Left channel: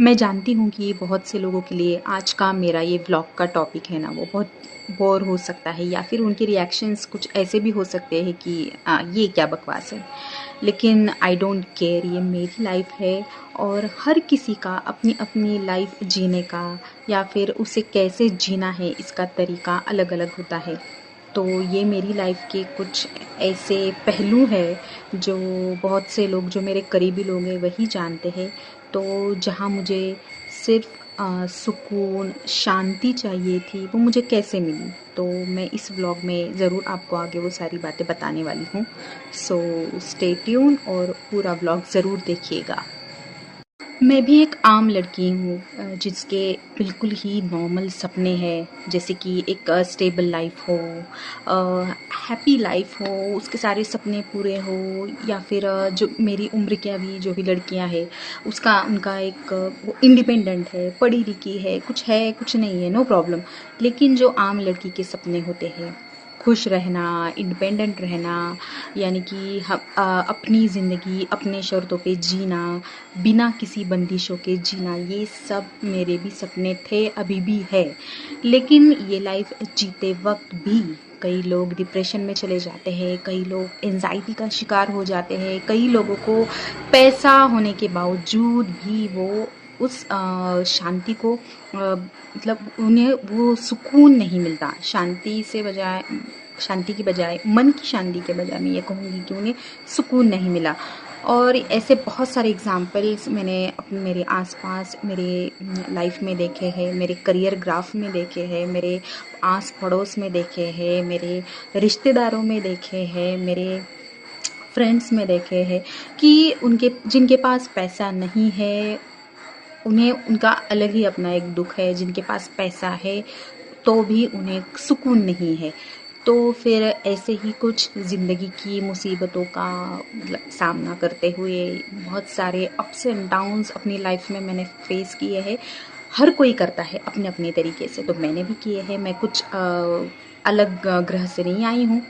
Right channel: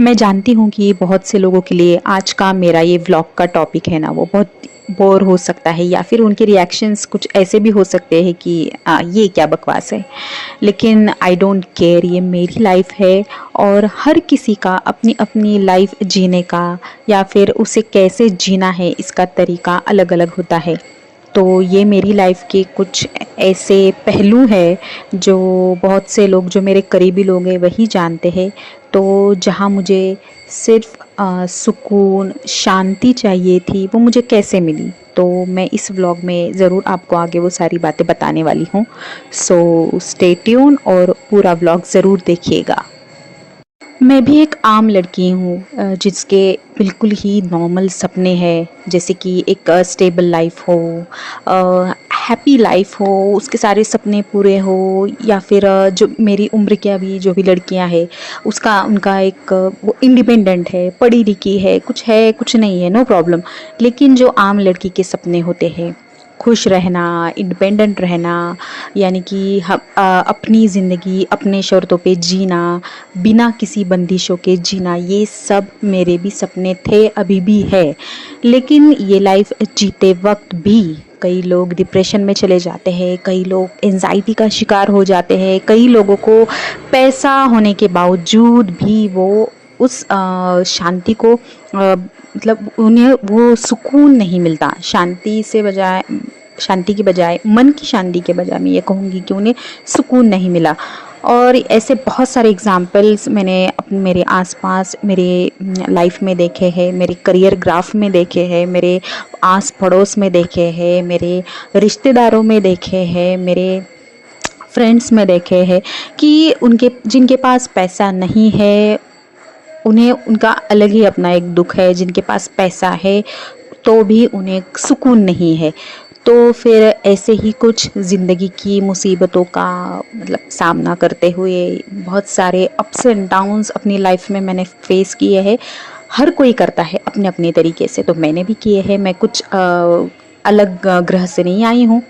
मैं जानती हूँ कि बहुत से लोगों के लिए आज का मेरा ये व्लॉग का टॉपिक है ना, वो बहुत बोर हो सकता है या फिर उनके रिएक्शंस कुछ ऐसे भी हो सकते हैं कि ये क्या बकवास है। लेकिन आई डोंट केयर, ये मेरी लाइफ है और हर किसी का अपनी अपनी लाइफ जीने का या फिर उसे कैसे जीना है इसका तरीका अलग अलग होता है। तो ये मेरी लाइफ के कुछ ऐसे पहलू हैं जो बहुत से लोग, जो मेरे करीबी लोग हैं, वही जानते हैं। तो जहाँ मुझे सिर्फ सुकून, शांति चाहिए थी, वो मुझे कैसे मिली, तो मैं इस व्लॉग में ज़रूर आपको आगे वो सारी बातें बताने वाली हूँ। सो स्टे ट्यून और पूरा व्लॉग ज़रूर देखिएगा। मैं भी एक आम लड़की हूँ जिसके बिल्कुल ही नॉर्मल सपने हैं, जैसे कि एक स्टेबल लाइफ हो, हैप्पी लाइफ हो, उसके सारे सपने पूरे हो, या फिर जो मेरी उम्र की अभी जो भी लड़कियाँ हैं उसका उनका एक वो इंडिपेंडेंट है, पढ़ी लिखी है कुछ नहीं है, नो प्रॉब्लम। लेकिन जो आम लड़की के सपने होते हैं, खुश रहना, इंडिपेंडेंट रहना, यानी कि हम अपनी ज़िंदगी अपने शर्तों पे जीना, बिना किसी बंदिशों के जीना, ये सब मेरे भी सपने थे, अभी भी है। लेकिन ये लाइफ जीते वक्त भी कई लोग डिप्रेशन में चले जाते हैं, कई लोग एंजाइटी का शिकार हो जाते हैं, कई लोगों को पैसा होने के बावजूद भी वो उस शांति को मतलब उन्हें वो सुकून नहीं मिलता। शांति की बजाय, मन की शांति के बजाय मैं ये कहूँगी कि उन्हें सुकून नहीं मिला। और ऐसे बहुत सारे एग्ज़ाम्पल्स मैंने मेरे आसपास, मेरे लाइफ में देखे हैं, मेरे करियर ग्राफ में देखे हैं, मेरे आस पड़ोस में देखे हैं, मेरे रिश्तेदारों में देखे हैं, मेरे फ्रेंड्स में देखे हैं कि उनके जिनके पास पैसा नहीं है, उन्हें उनका अलग ही अपना एक दुख है। जिनके पास पैसा है तो भी उन्हें सुकून नहीं है। तो फिर ऐसे ही कुछ ज़िंदगी की मुसीबतों का मतलब सामना करते हुए बहुत सारे अप्स एंड डाउन्स अपनी लाइफ में मैंने फेस किए हैं। हर कोई करता है अपने अपने तरीके से, तो मैंने भी किए हैं। मैं कुछ अलग ग्रह से नहीं आई हूँ,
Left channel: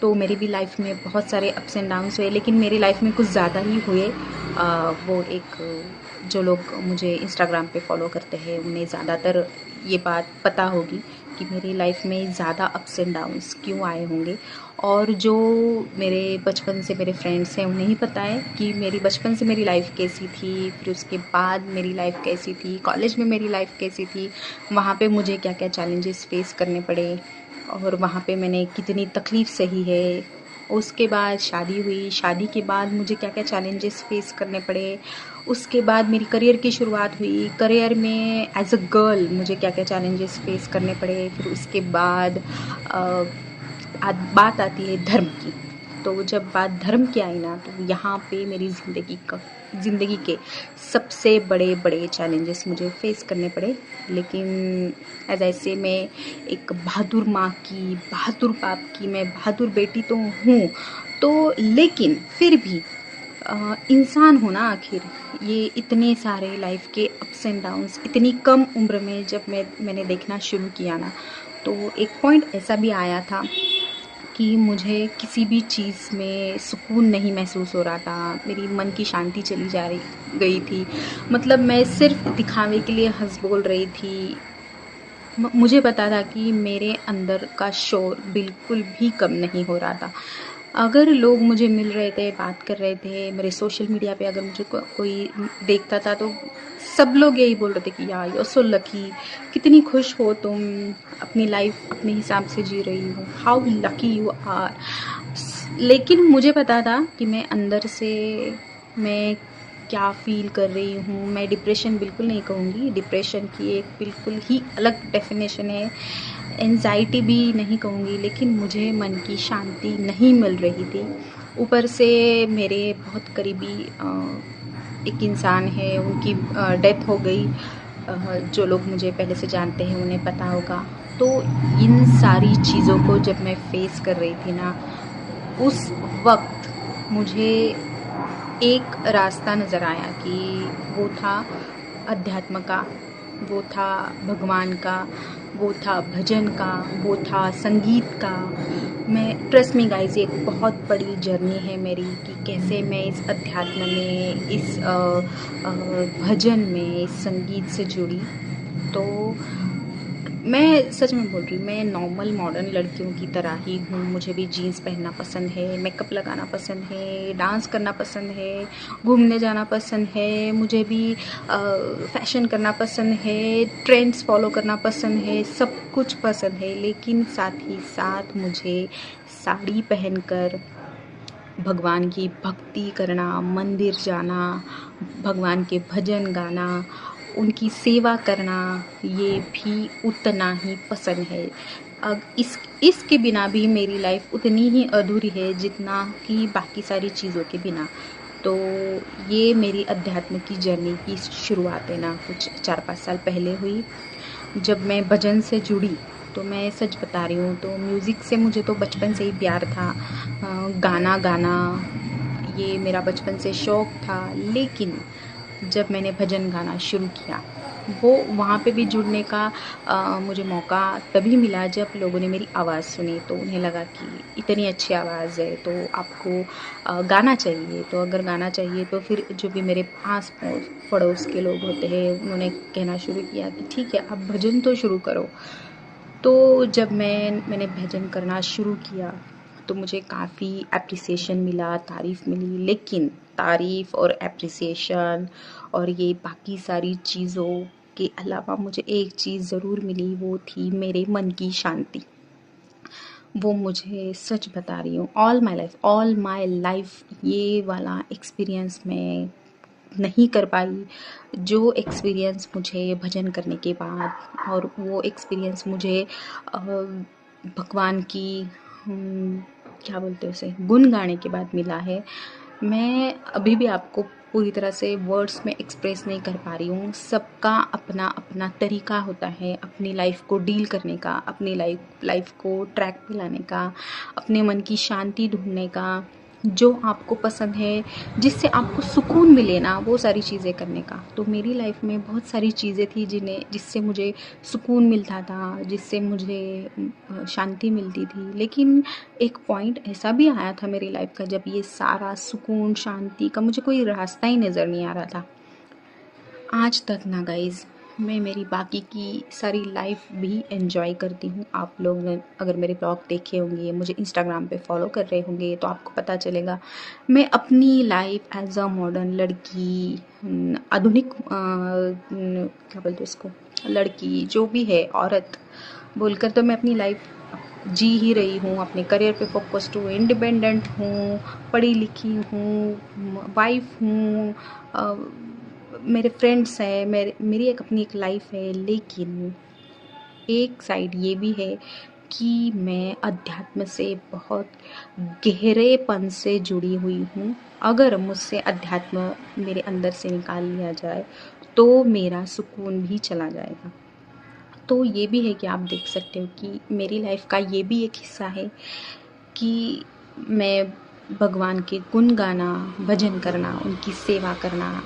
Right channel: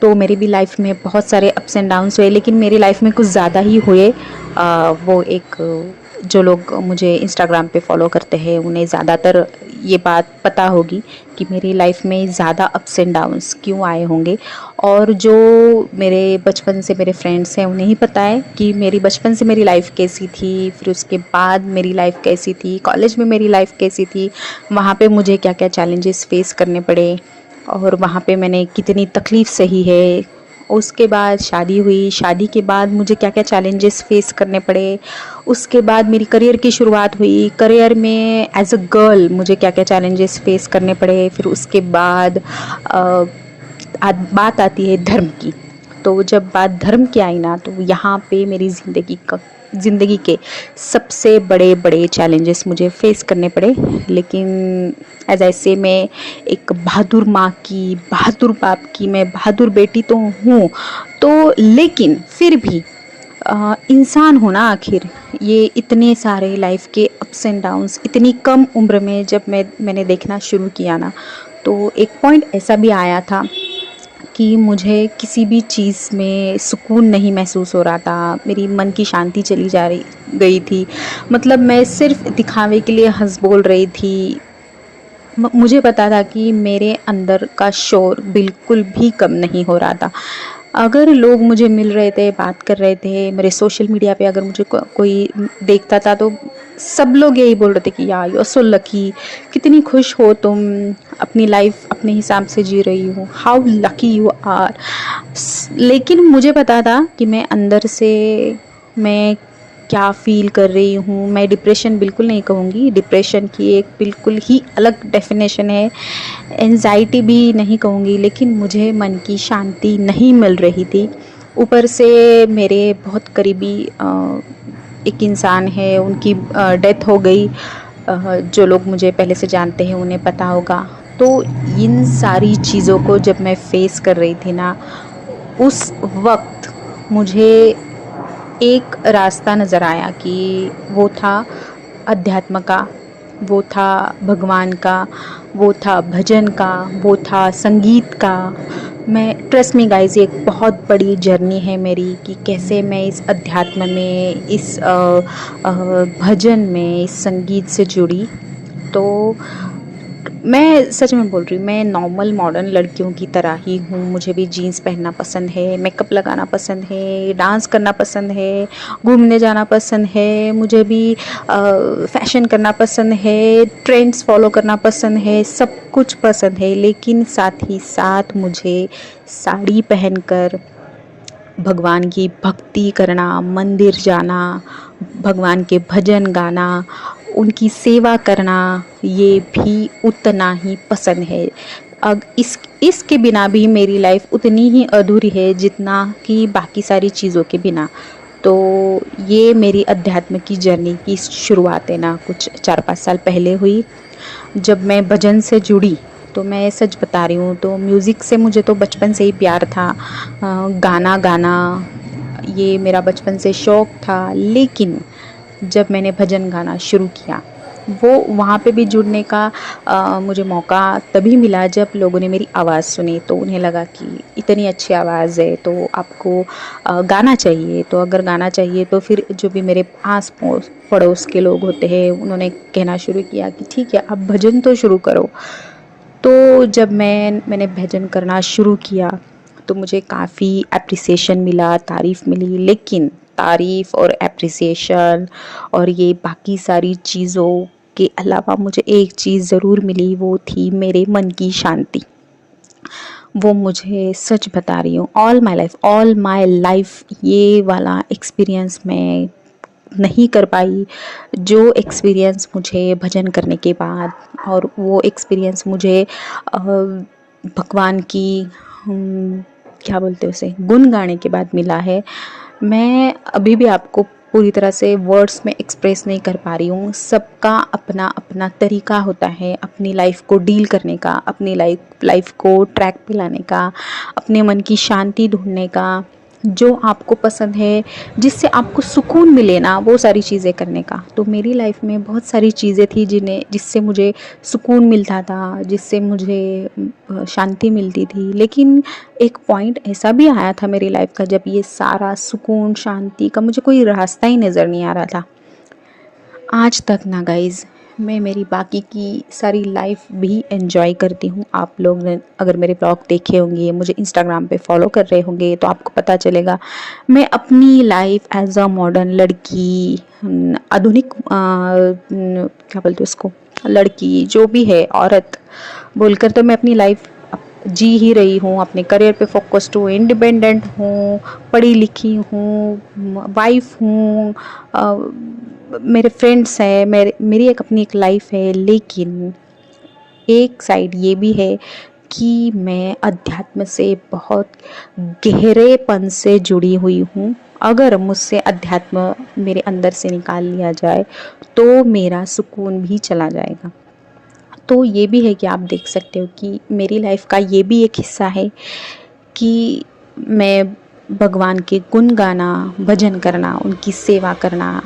तो मेरी भी लाइफ में बहुत सारे अप्स एंड डाउन्स हुए, लेकिन मेरी लाइफ में कुछ ज़्यादा ही हुए। वो एक जो लोग मुझे इंस्टाग्राम पे फॉलो करते हैं उन्हें ज़्यादातर ये बात पता होगी कि मेरी लाइफ में ज़्यादा अप्स एंड डाउन्स क्यों आए होंगे। और जो मेरे बचपन से मेरे फ्रेंड्स हैं उन्हें ही पता है कि मेरी बचपन से मेरी लाइफ कैसी थी, फिर उसके बाद मेरी लाइफ कैसी थी, कॉलेज में मेरी लाइफ कैसी थी, वहाँ पे मुझे क्या क्या चैलेंजेस फेस करने पड़े और वहाँ पे मैंने कितनी तकलीफ़ सही है। उसके बाद शादी हुई, शादी के बाद मुझे क्या क्या चैलेंजेस फेस करने पड़े। उसके बाद मेरी करियर की शुरुआत हुई, करियर में एज अ गर्ल मुझे क्या क्या चैलेंजेस फेस करने पड़े। फिर उसके बाद बात आती है धर्म की। तो जब बात धर्म की आई ना, तो यहाँ पे मेरी ज़िंदगी के सबसे बड़े बड़े चैलेंजेस मुझे फेस करने पड़े। लेकिन एज ऐसे मैं एक बहादुर माँ की, बहादुर बाप की, मैं बहादुर बेटी तो हूँ, तो लेकिन फिर भी इंसान हो ना आखिर। ये इतने सारे लाइफ के अप्स एंड डाउन्स इतनी कम उम्र में जब मैंने देखना शुरू किया ना, तो एक पॉइंट ऐसा भी आया था कि मुझे किसी भी चीज़ में सुकून नहीं महसूस हो रहा था। मेरी मन की शांति चली जा रही गई थी। मतलब मैं सिर्फ दिखावे के लिए हंस बोल रही थी। मुझे पता था कि मेरे अंदर का शोर बिल्कुल भी कम नहीं हो रहा था। अगर लोग मुझे मिल रहे थे, बात कर रहे थे, मेरे सोशल मीडिया पे अगर मुझे कोई देखता था, तो सब लोग यही बोल रहे थे कि यार यू आर सो लकी, कितनी खुश हो तुम, अपनी लाइफ अपने हिसाब से जी रही हो, हाउ लकी यू आर। लेकिन मुझे पता था कि मैं अंदर से मैं क्या फ़ील कर रही हूँ। मैं डिप्रेशन बिल्कुल नहीं कहूँगी, डिप्रेशन की एक बिल्कुल ही अलग डेफिनेशन है। एंजाइटी भी नहीं कहूँगी, लेकिन मुझे मन की शांति नहीं मिल रही थी। ऊपर से मेरे बहुत करीबी एक इंसान है, उनकी डेथ हो गई। जो लोग मुझे पहले से जानते हैं उन्हें पता होगा। तो इन सारी चीज़ों को जब मैं फ़ेस कर रही थी ना, उस वक़्त मुझे एक रास्ता नज़र आया कि वो था अध्यात्म का, वो था भगवान का, वो था भजन का, वो था संगीत का। मैं ट्रस्ट मी गाइस, ये एक बहुत बड़ी जर्नी है मेरी कि कैसे मैं इस अध्यात्म में, इस भजन में, इस संगीत से जुड़ी। तो मैं सच में बोल रही हूँ, मैं नॉर्मल मॉडर्न लड़कियों की तरह ही हूँ। मुझे भी जीन्स पहनना पसंद है, मेकअप लगाना पसंद है, डांस करना पसंद है, घूमने जाना पसंद है, मुझे भी फैशन करना पसंद है, ट्रेंड्स फॉलो करना पसंद है, सब कुछ पसंद है। लेकिन साथ ही साथ मुझे साड़ी पहनकर भगवान की भक्ति करना, मंदिर जाना, भगवान के भजन गाना, उनकी सेवा करना, ये भी उतना ही पसंद है। अब इसके बिना भी मेरी लाइफ उतनी ही अधूरी है जितना कि बाकी सारी चीज़ों के बिना। तो ये मेरी अध्यात्म की जर्नी की शुरुआत है ना, कुछ 4-5 साल पहले हुई, जब मैं भजन से जुड़ी। तो मैं सच बता रही हूँ, तो म्यूज़िक से मुझे तो बचपन से ही प्यार था। गाना गाना ये मेरा बचपन से शौक़ था। लेकिन जब मैंने भजन गाना शुरू किया, वो वहाँ पे भी जुड़ने का मुझे मौका तभी मिला जब लोगों ने मेरी आवाज़ सुनी। तो उन्हें लगा कि इतनी अच्छी आवाज़ है तो आपको गाना चाहिए। तो अगर गाना चाहिए तो फिर जो भी मेरे आस पड़ोस के लोग होते हैं, उन्होंने कहना शुरू किया कि ठीक है, आप भजन तो शुरू करो। तो जब मैंने भजन करना शुरू किया, तो मुझे काफ़ी एप्रिसिएशन मिला, तारीफ़ मिली। लेकिन तारीफ़ और एप्रिसिएशन और ये बाकी सारी चीज़ों के अलावा मुझे एक चीज़ ज़रूर मिली, वो थी मेरे मन की शांति। वो मुझे सच बता रही हूँ, ऑल माय लाइफ ये वाला एक्सपीरियंस मैं नहीं कर पाई, जो एक्सपीरियंस मुझे भजन करने के बाद और वो एक्सपीरियंस मुझे भगवान की क्या बोलते हैं उसे, गुण गाने के बाद मिला है। मैं अभी भी आपको पूरी तरह से वर्ड्स में एक्सप्रेस नहीं कर पा रही हूँ। सबका अपना अपना तरीका होता है अपनी लाइफ को डील करने का, अपनी लाइफ को ट्रैक पे लाने का, अपने मन की शांति ढूंढने का, जो आपको पसंद है, जिससे आपको सुकून मिले ना, वो सारी चीज़ें करने का। तो मेरी लाइफ में बहुत सारी चीज़ें थी जिससे मुझे सुकून मिलता था, जिससे मुझे शांति मिलती थी। लेकिन एक पॉइंट ऐसा भी आया था मेरी लाइफ का जब ये सारा सुकून शांति का मुझे कोई रास्ता ही नज़र नहीं आ रहा था। आज तक ना गाइज़, मैं मेरी बाकी की सारी लाइफ भी एंजॉय करती हूँ। आप लोग ने अगर मेरे ब्लॉग देखे होंगे, मुझे इंस्टाग्राम पे फॉलो कर रहे होंगे, तो आपको पता चलेगा मैं अपनी लाइफ एज अ मॉडर्न लड़की, आधुनिक क्या बोलते हैं उसको, लड़की जो भी है, औरत बोलकर तो मैं अपनी लाइफ जी ही रही हूँ। अपने करियर पे फोकस्ड हूँ, इंडिपेंडेंट हूँ, पढ़ी लिखी हूँ, वाइफ हूँ, मेरे फ्रेंड्स हैं, मेरी एक अपनी एक लाइफ है। लेकिन एक साइड ये भी है कि मैं अध्यात्म से बहुत गहरेपन से जुड़ी हुई हूँ। अगर मुझसे अध्यात्म मेरे अंदर से निकाल लिया जाए तो मेरा सुकून भी चला जाएगा। तो ये भी है कि आप देख सकते हो कि मेरी लाइफ का ये भी एक हिस्सा है कि मैं भगवान के गुण गाना, भजन करना, उनकी सेवा करना,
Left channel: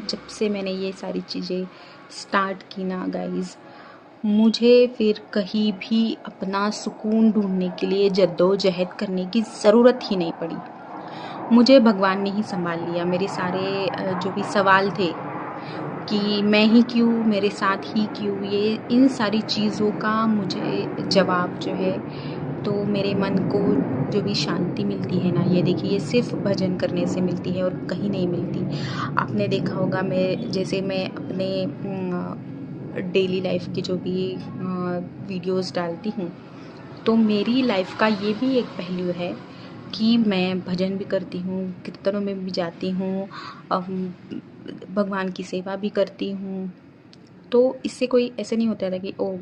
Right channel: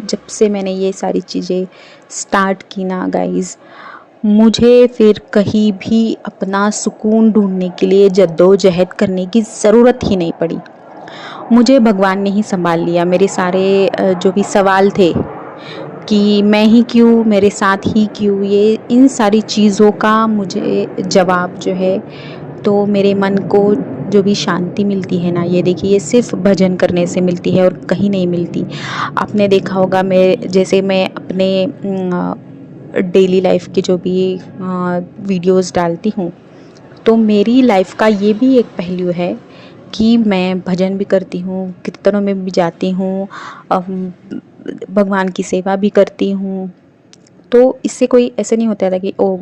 जब से मैंने ये सारी चीज़ें स्टार्ट की ना गाइज़, मुझे फिर कहीं भी अपना सुकून ढूंढने के लिए जद्दोजहद करने की ज़रूरत ही नहीं पड़ी। मुझे भगवान ने ही संभाल लिया। मेरे सारे जो भी सवाल थे कि मैं ही क्यों, मेरे साथ ही क्यों, ये इन सारी चीज़ों का मुझे जवाब जो है, तो मेरे मन को जो भी शांति मिलती है ना, ये देखिए, ये सिर्फ भजन करने से मिलती है और कहीं नहीं मिलती। आपने देखा होगा, मैं अपने डेली लाइफ की जो भी वीडियोस डालती हूँ, तो मेरी लाइफ का ये भी एक पहलू है कि मैं भजन भी करती हूँ, कीर्तनों में भी जाती हूँ, भगवान की सेवा भी करती हूँ। तो इससे कोई ऐसे नहीं होता था कि ओ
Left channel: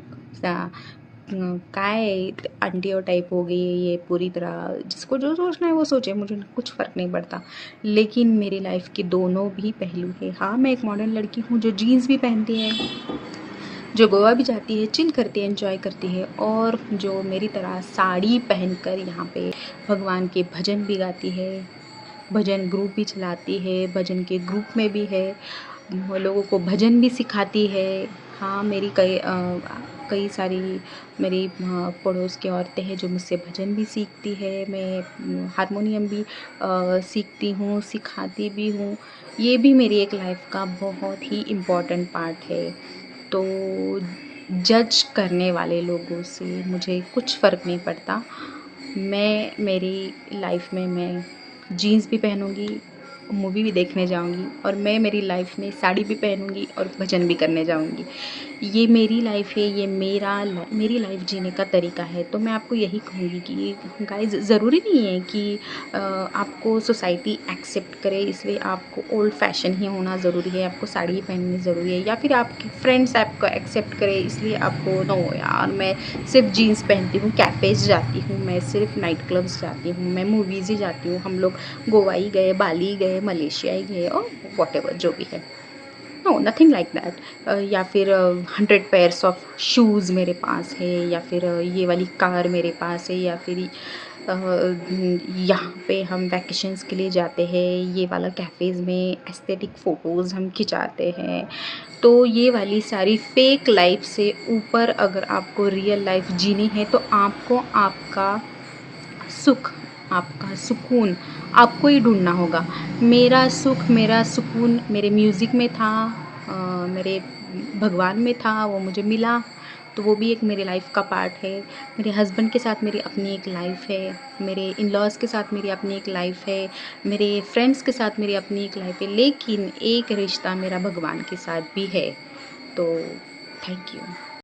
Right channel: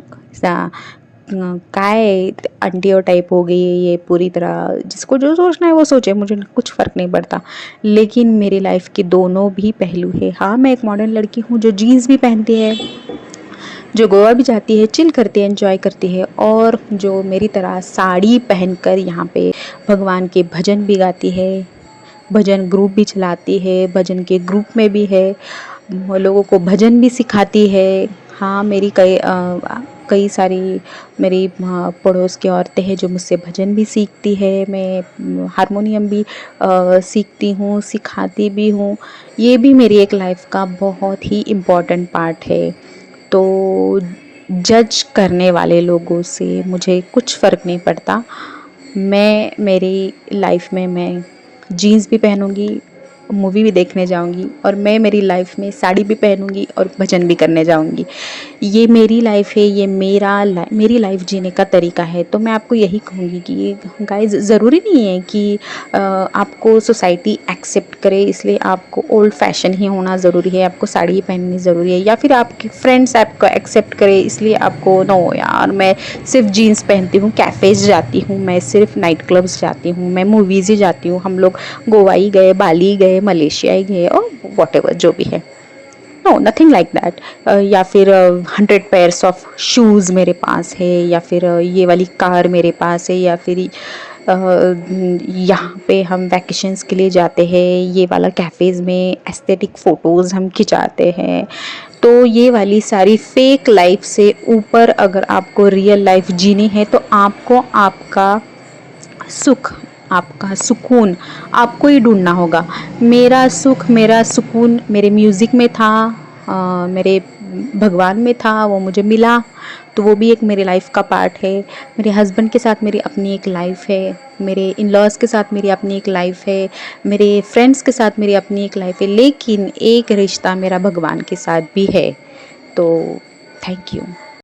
काय आंटियों टाइप हो गई है ये, पूरी तरह जिसको जो सोचना है वो सोचे, मुझे कुछ फ़र्क नहीं पड़ता। लेकिन मेरी लाइफ के दोनों भी पहलू है। हाँ, मैं एक मॉडर्न लड़की हूँ जो जीन्स भी पहनती है, जो गोवा भी जाती है, चिल करती है, एंजॉय करती है, और जो मेरी तरह साड़ी पहनकर यहाँ पे भगवान के भजन भी गाती है, भजन ग्रुप भी चलाती है, भजन के ग्रुप में भी है, लोगों को भजन भी सिखाती है। हाँ, मेरी कई कई सारी मेरी पड़ोस की औरतें हैं जो मुझसे भजन भी सीखती है, मैं हारमोनियम भी सीखती हूँ, सिखाती भी हूँ। ये भी मेरी एक लाइफ का बहुत ही इम्पोर्टेंट पार्ट है। तो जज करने वाले लोगों से मुझे कुछ फ़र्क नहीं पड़ता। मैं मेरी लाइफ में मैं जीन्स भी पहनूँगी, मूवी भी देखने जाऊँगी और मैं मेरी लाइफ में साड़ी भी पहनूँगी और भजन भी करने जाऊँगी। ये मेरी लाइफ है, ये मेरी लाइफ जीने का तरीका है। तो मैं आपको यही कहूँगी कि गाइज़ ज़रूरी नहीं है कि आपको सोसाइटी एक्सेप्ट करे इसलिए आपको ओल्ड फैशन ही होना ज़रूरी है, आपको साड़ी ही पहननी ज़रूरी है, या फिर आपके फ्रेंड्स आपको एक्सेप्ट करे इसलिए आपको नो यार मैं सिर्फ जीन्स पहनती हूँ, कैफ़ेज़ जाती हूँ, मैं सिर्फ नाइट क्लब्स जाती हूँ, मैं मूवीज़ ही जाती हूँ, हम लोग गोवा ही गए, बाली गए, मलेशिया ही गए और व्हाटएवर जो भी है। No nothing like that. या फिर 100 पेयर्स ऑफ शूज़ मेरे पास है, या फिर ये वाली कार मेरे पास है, या फिर यहाँ पे हम वैकेशंस के लिए जाते हैं, ये वाला कैफ़ेज़ में एस्थेटिक फ़ोटोज़ हम खिंचाते हैं। तो ये वाली सारी फेक लाइफ से ऊपर अगर आपको रियल लाइफ जीनी है तो आपको आपका सुख, आपका सुकून आपको ही ढूँढना होगा। मेरा सुख, मेरा सुकून मेरे म्यूज़िक में था, मेरे भगवान में था, वो मुझे मिला, तो वो भी एक मेरी लाइफ़ का पार्ट है। मेरे हस्बैंड के साथ मेरी अपनी एक लाइफ़ है, मेरे इन-लॉज़ के साथ मेरी अपनी एक लाइफ़ है, मेरे फ्रेंड्स के साथ मेरी अपनी एक लाइफ़ है, लेकिन एक रिश्ता मेरा भगवान के साथ भी है। तो थैंक यू।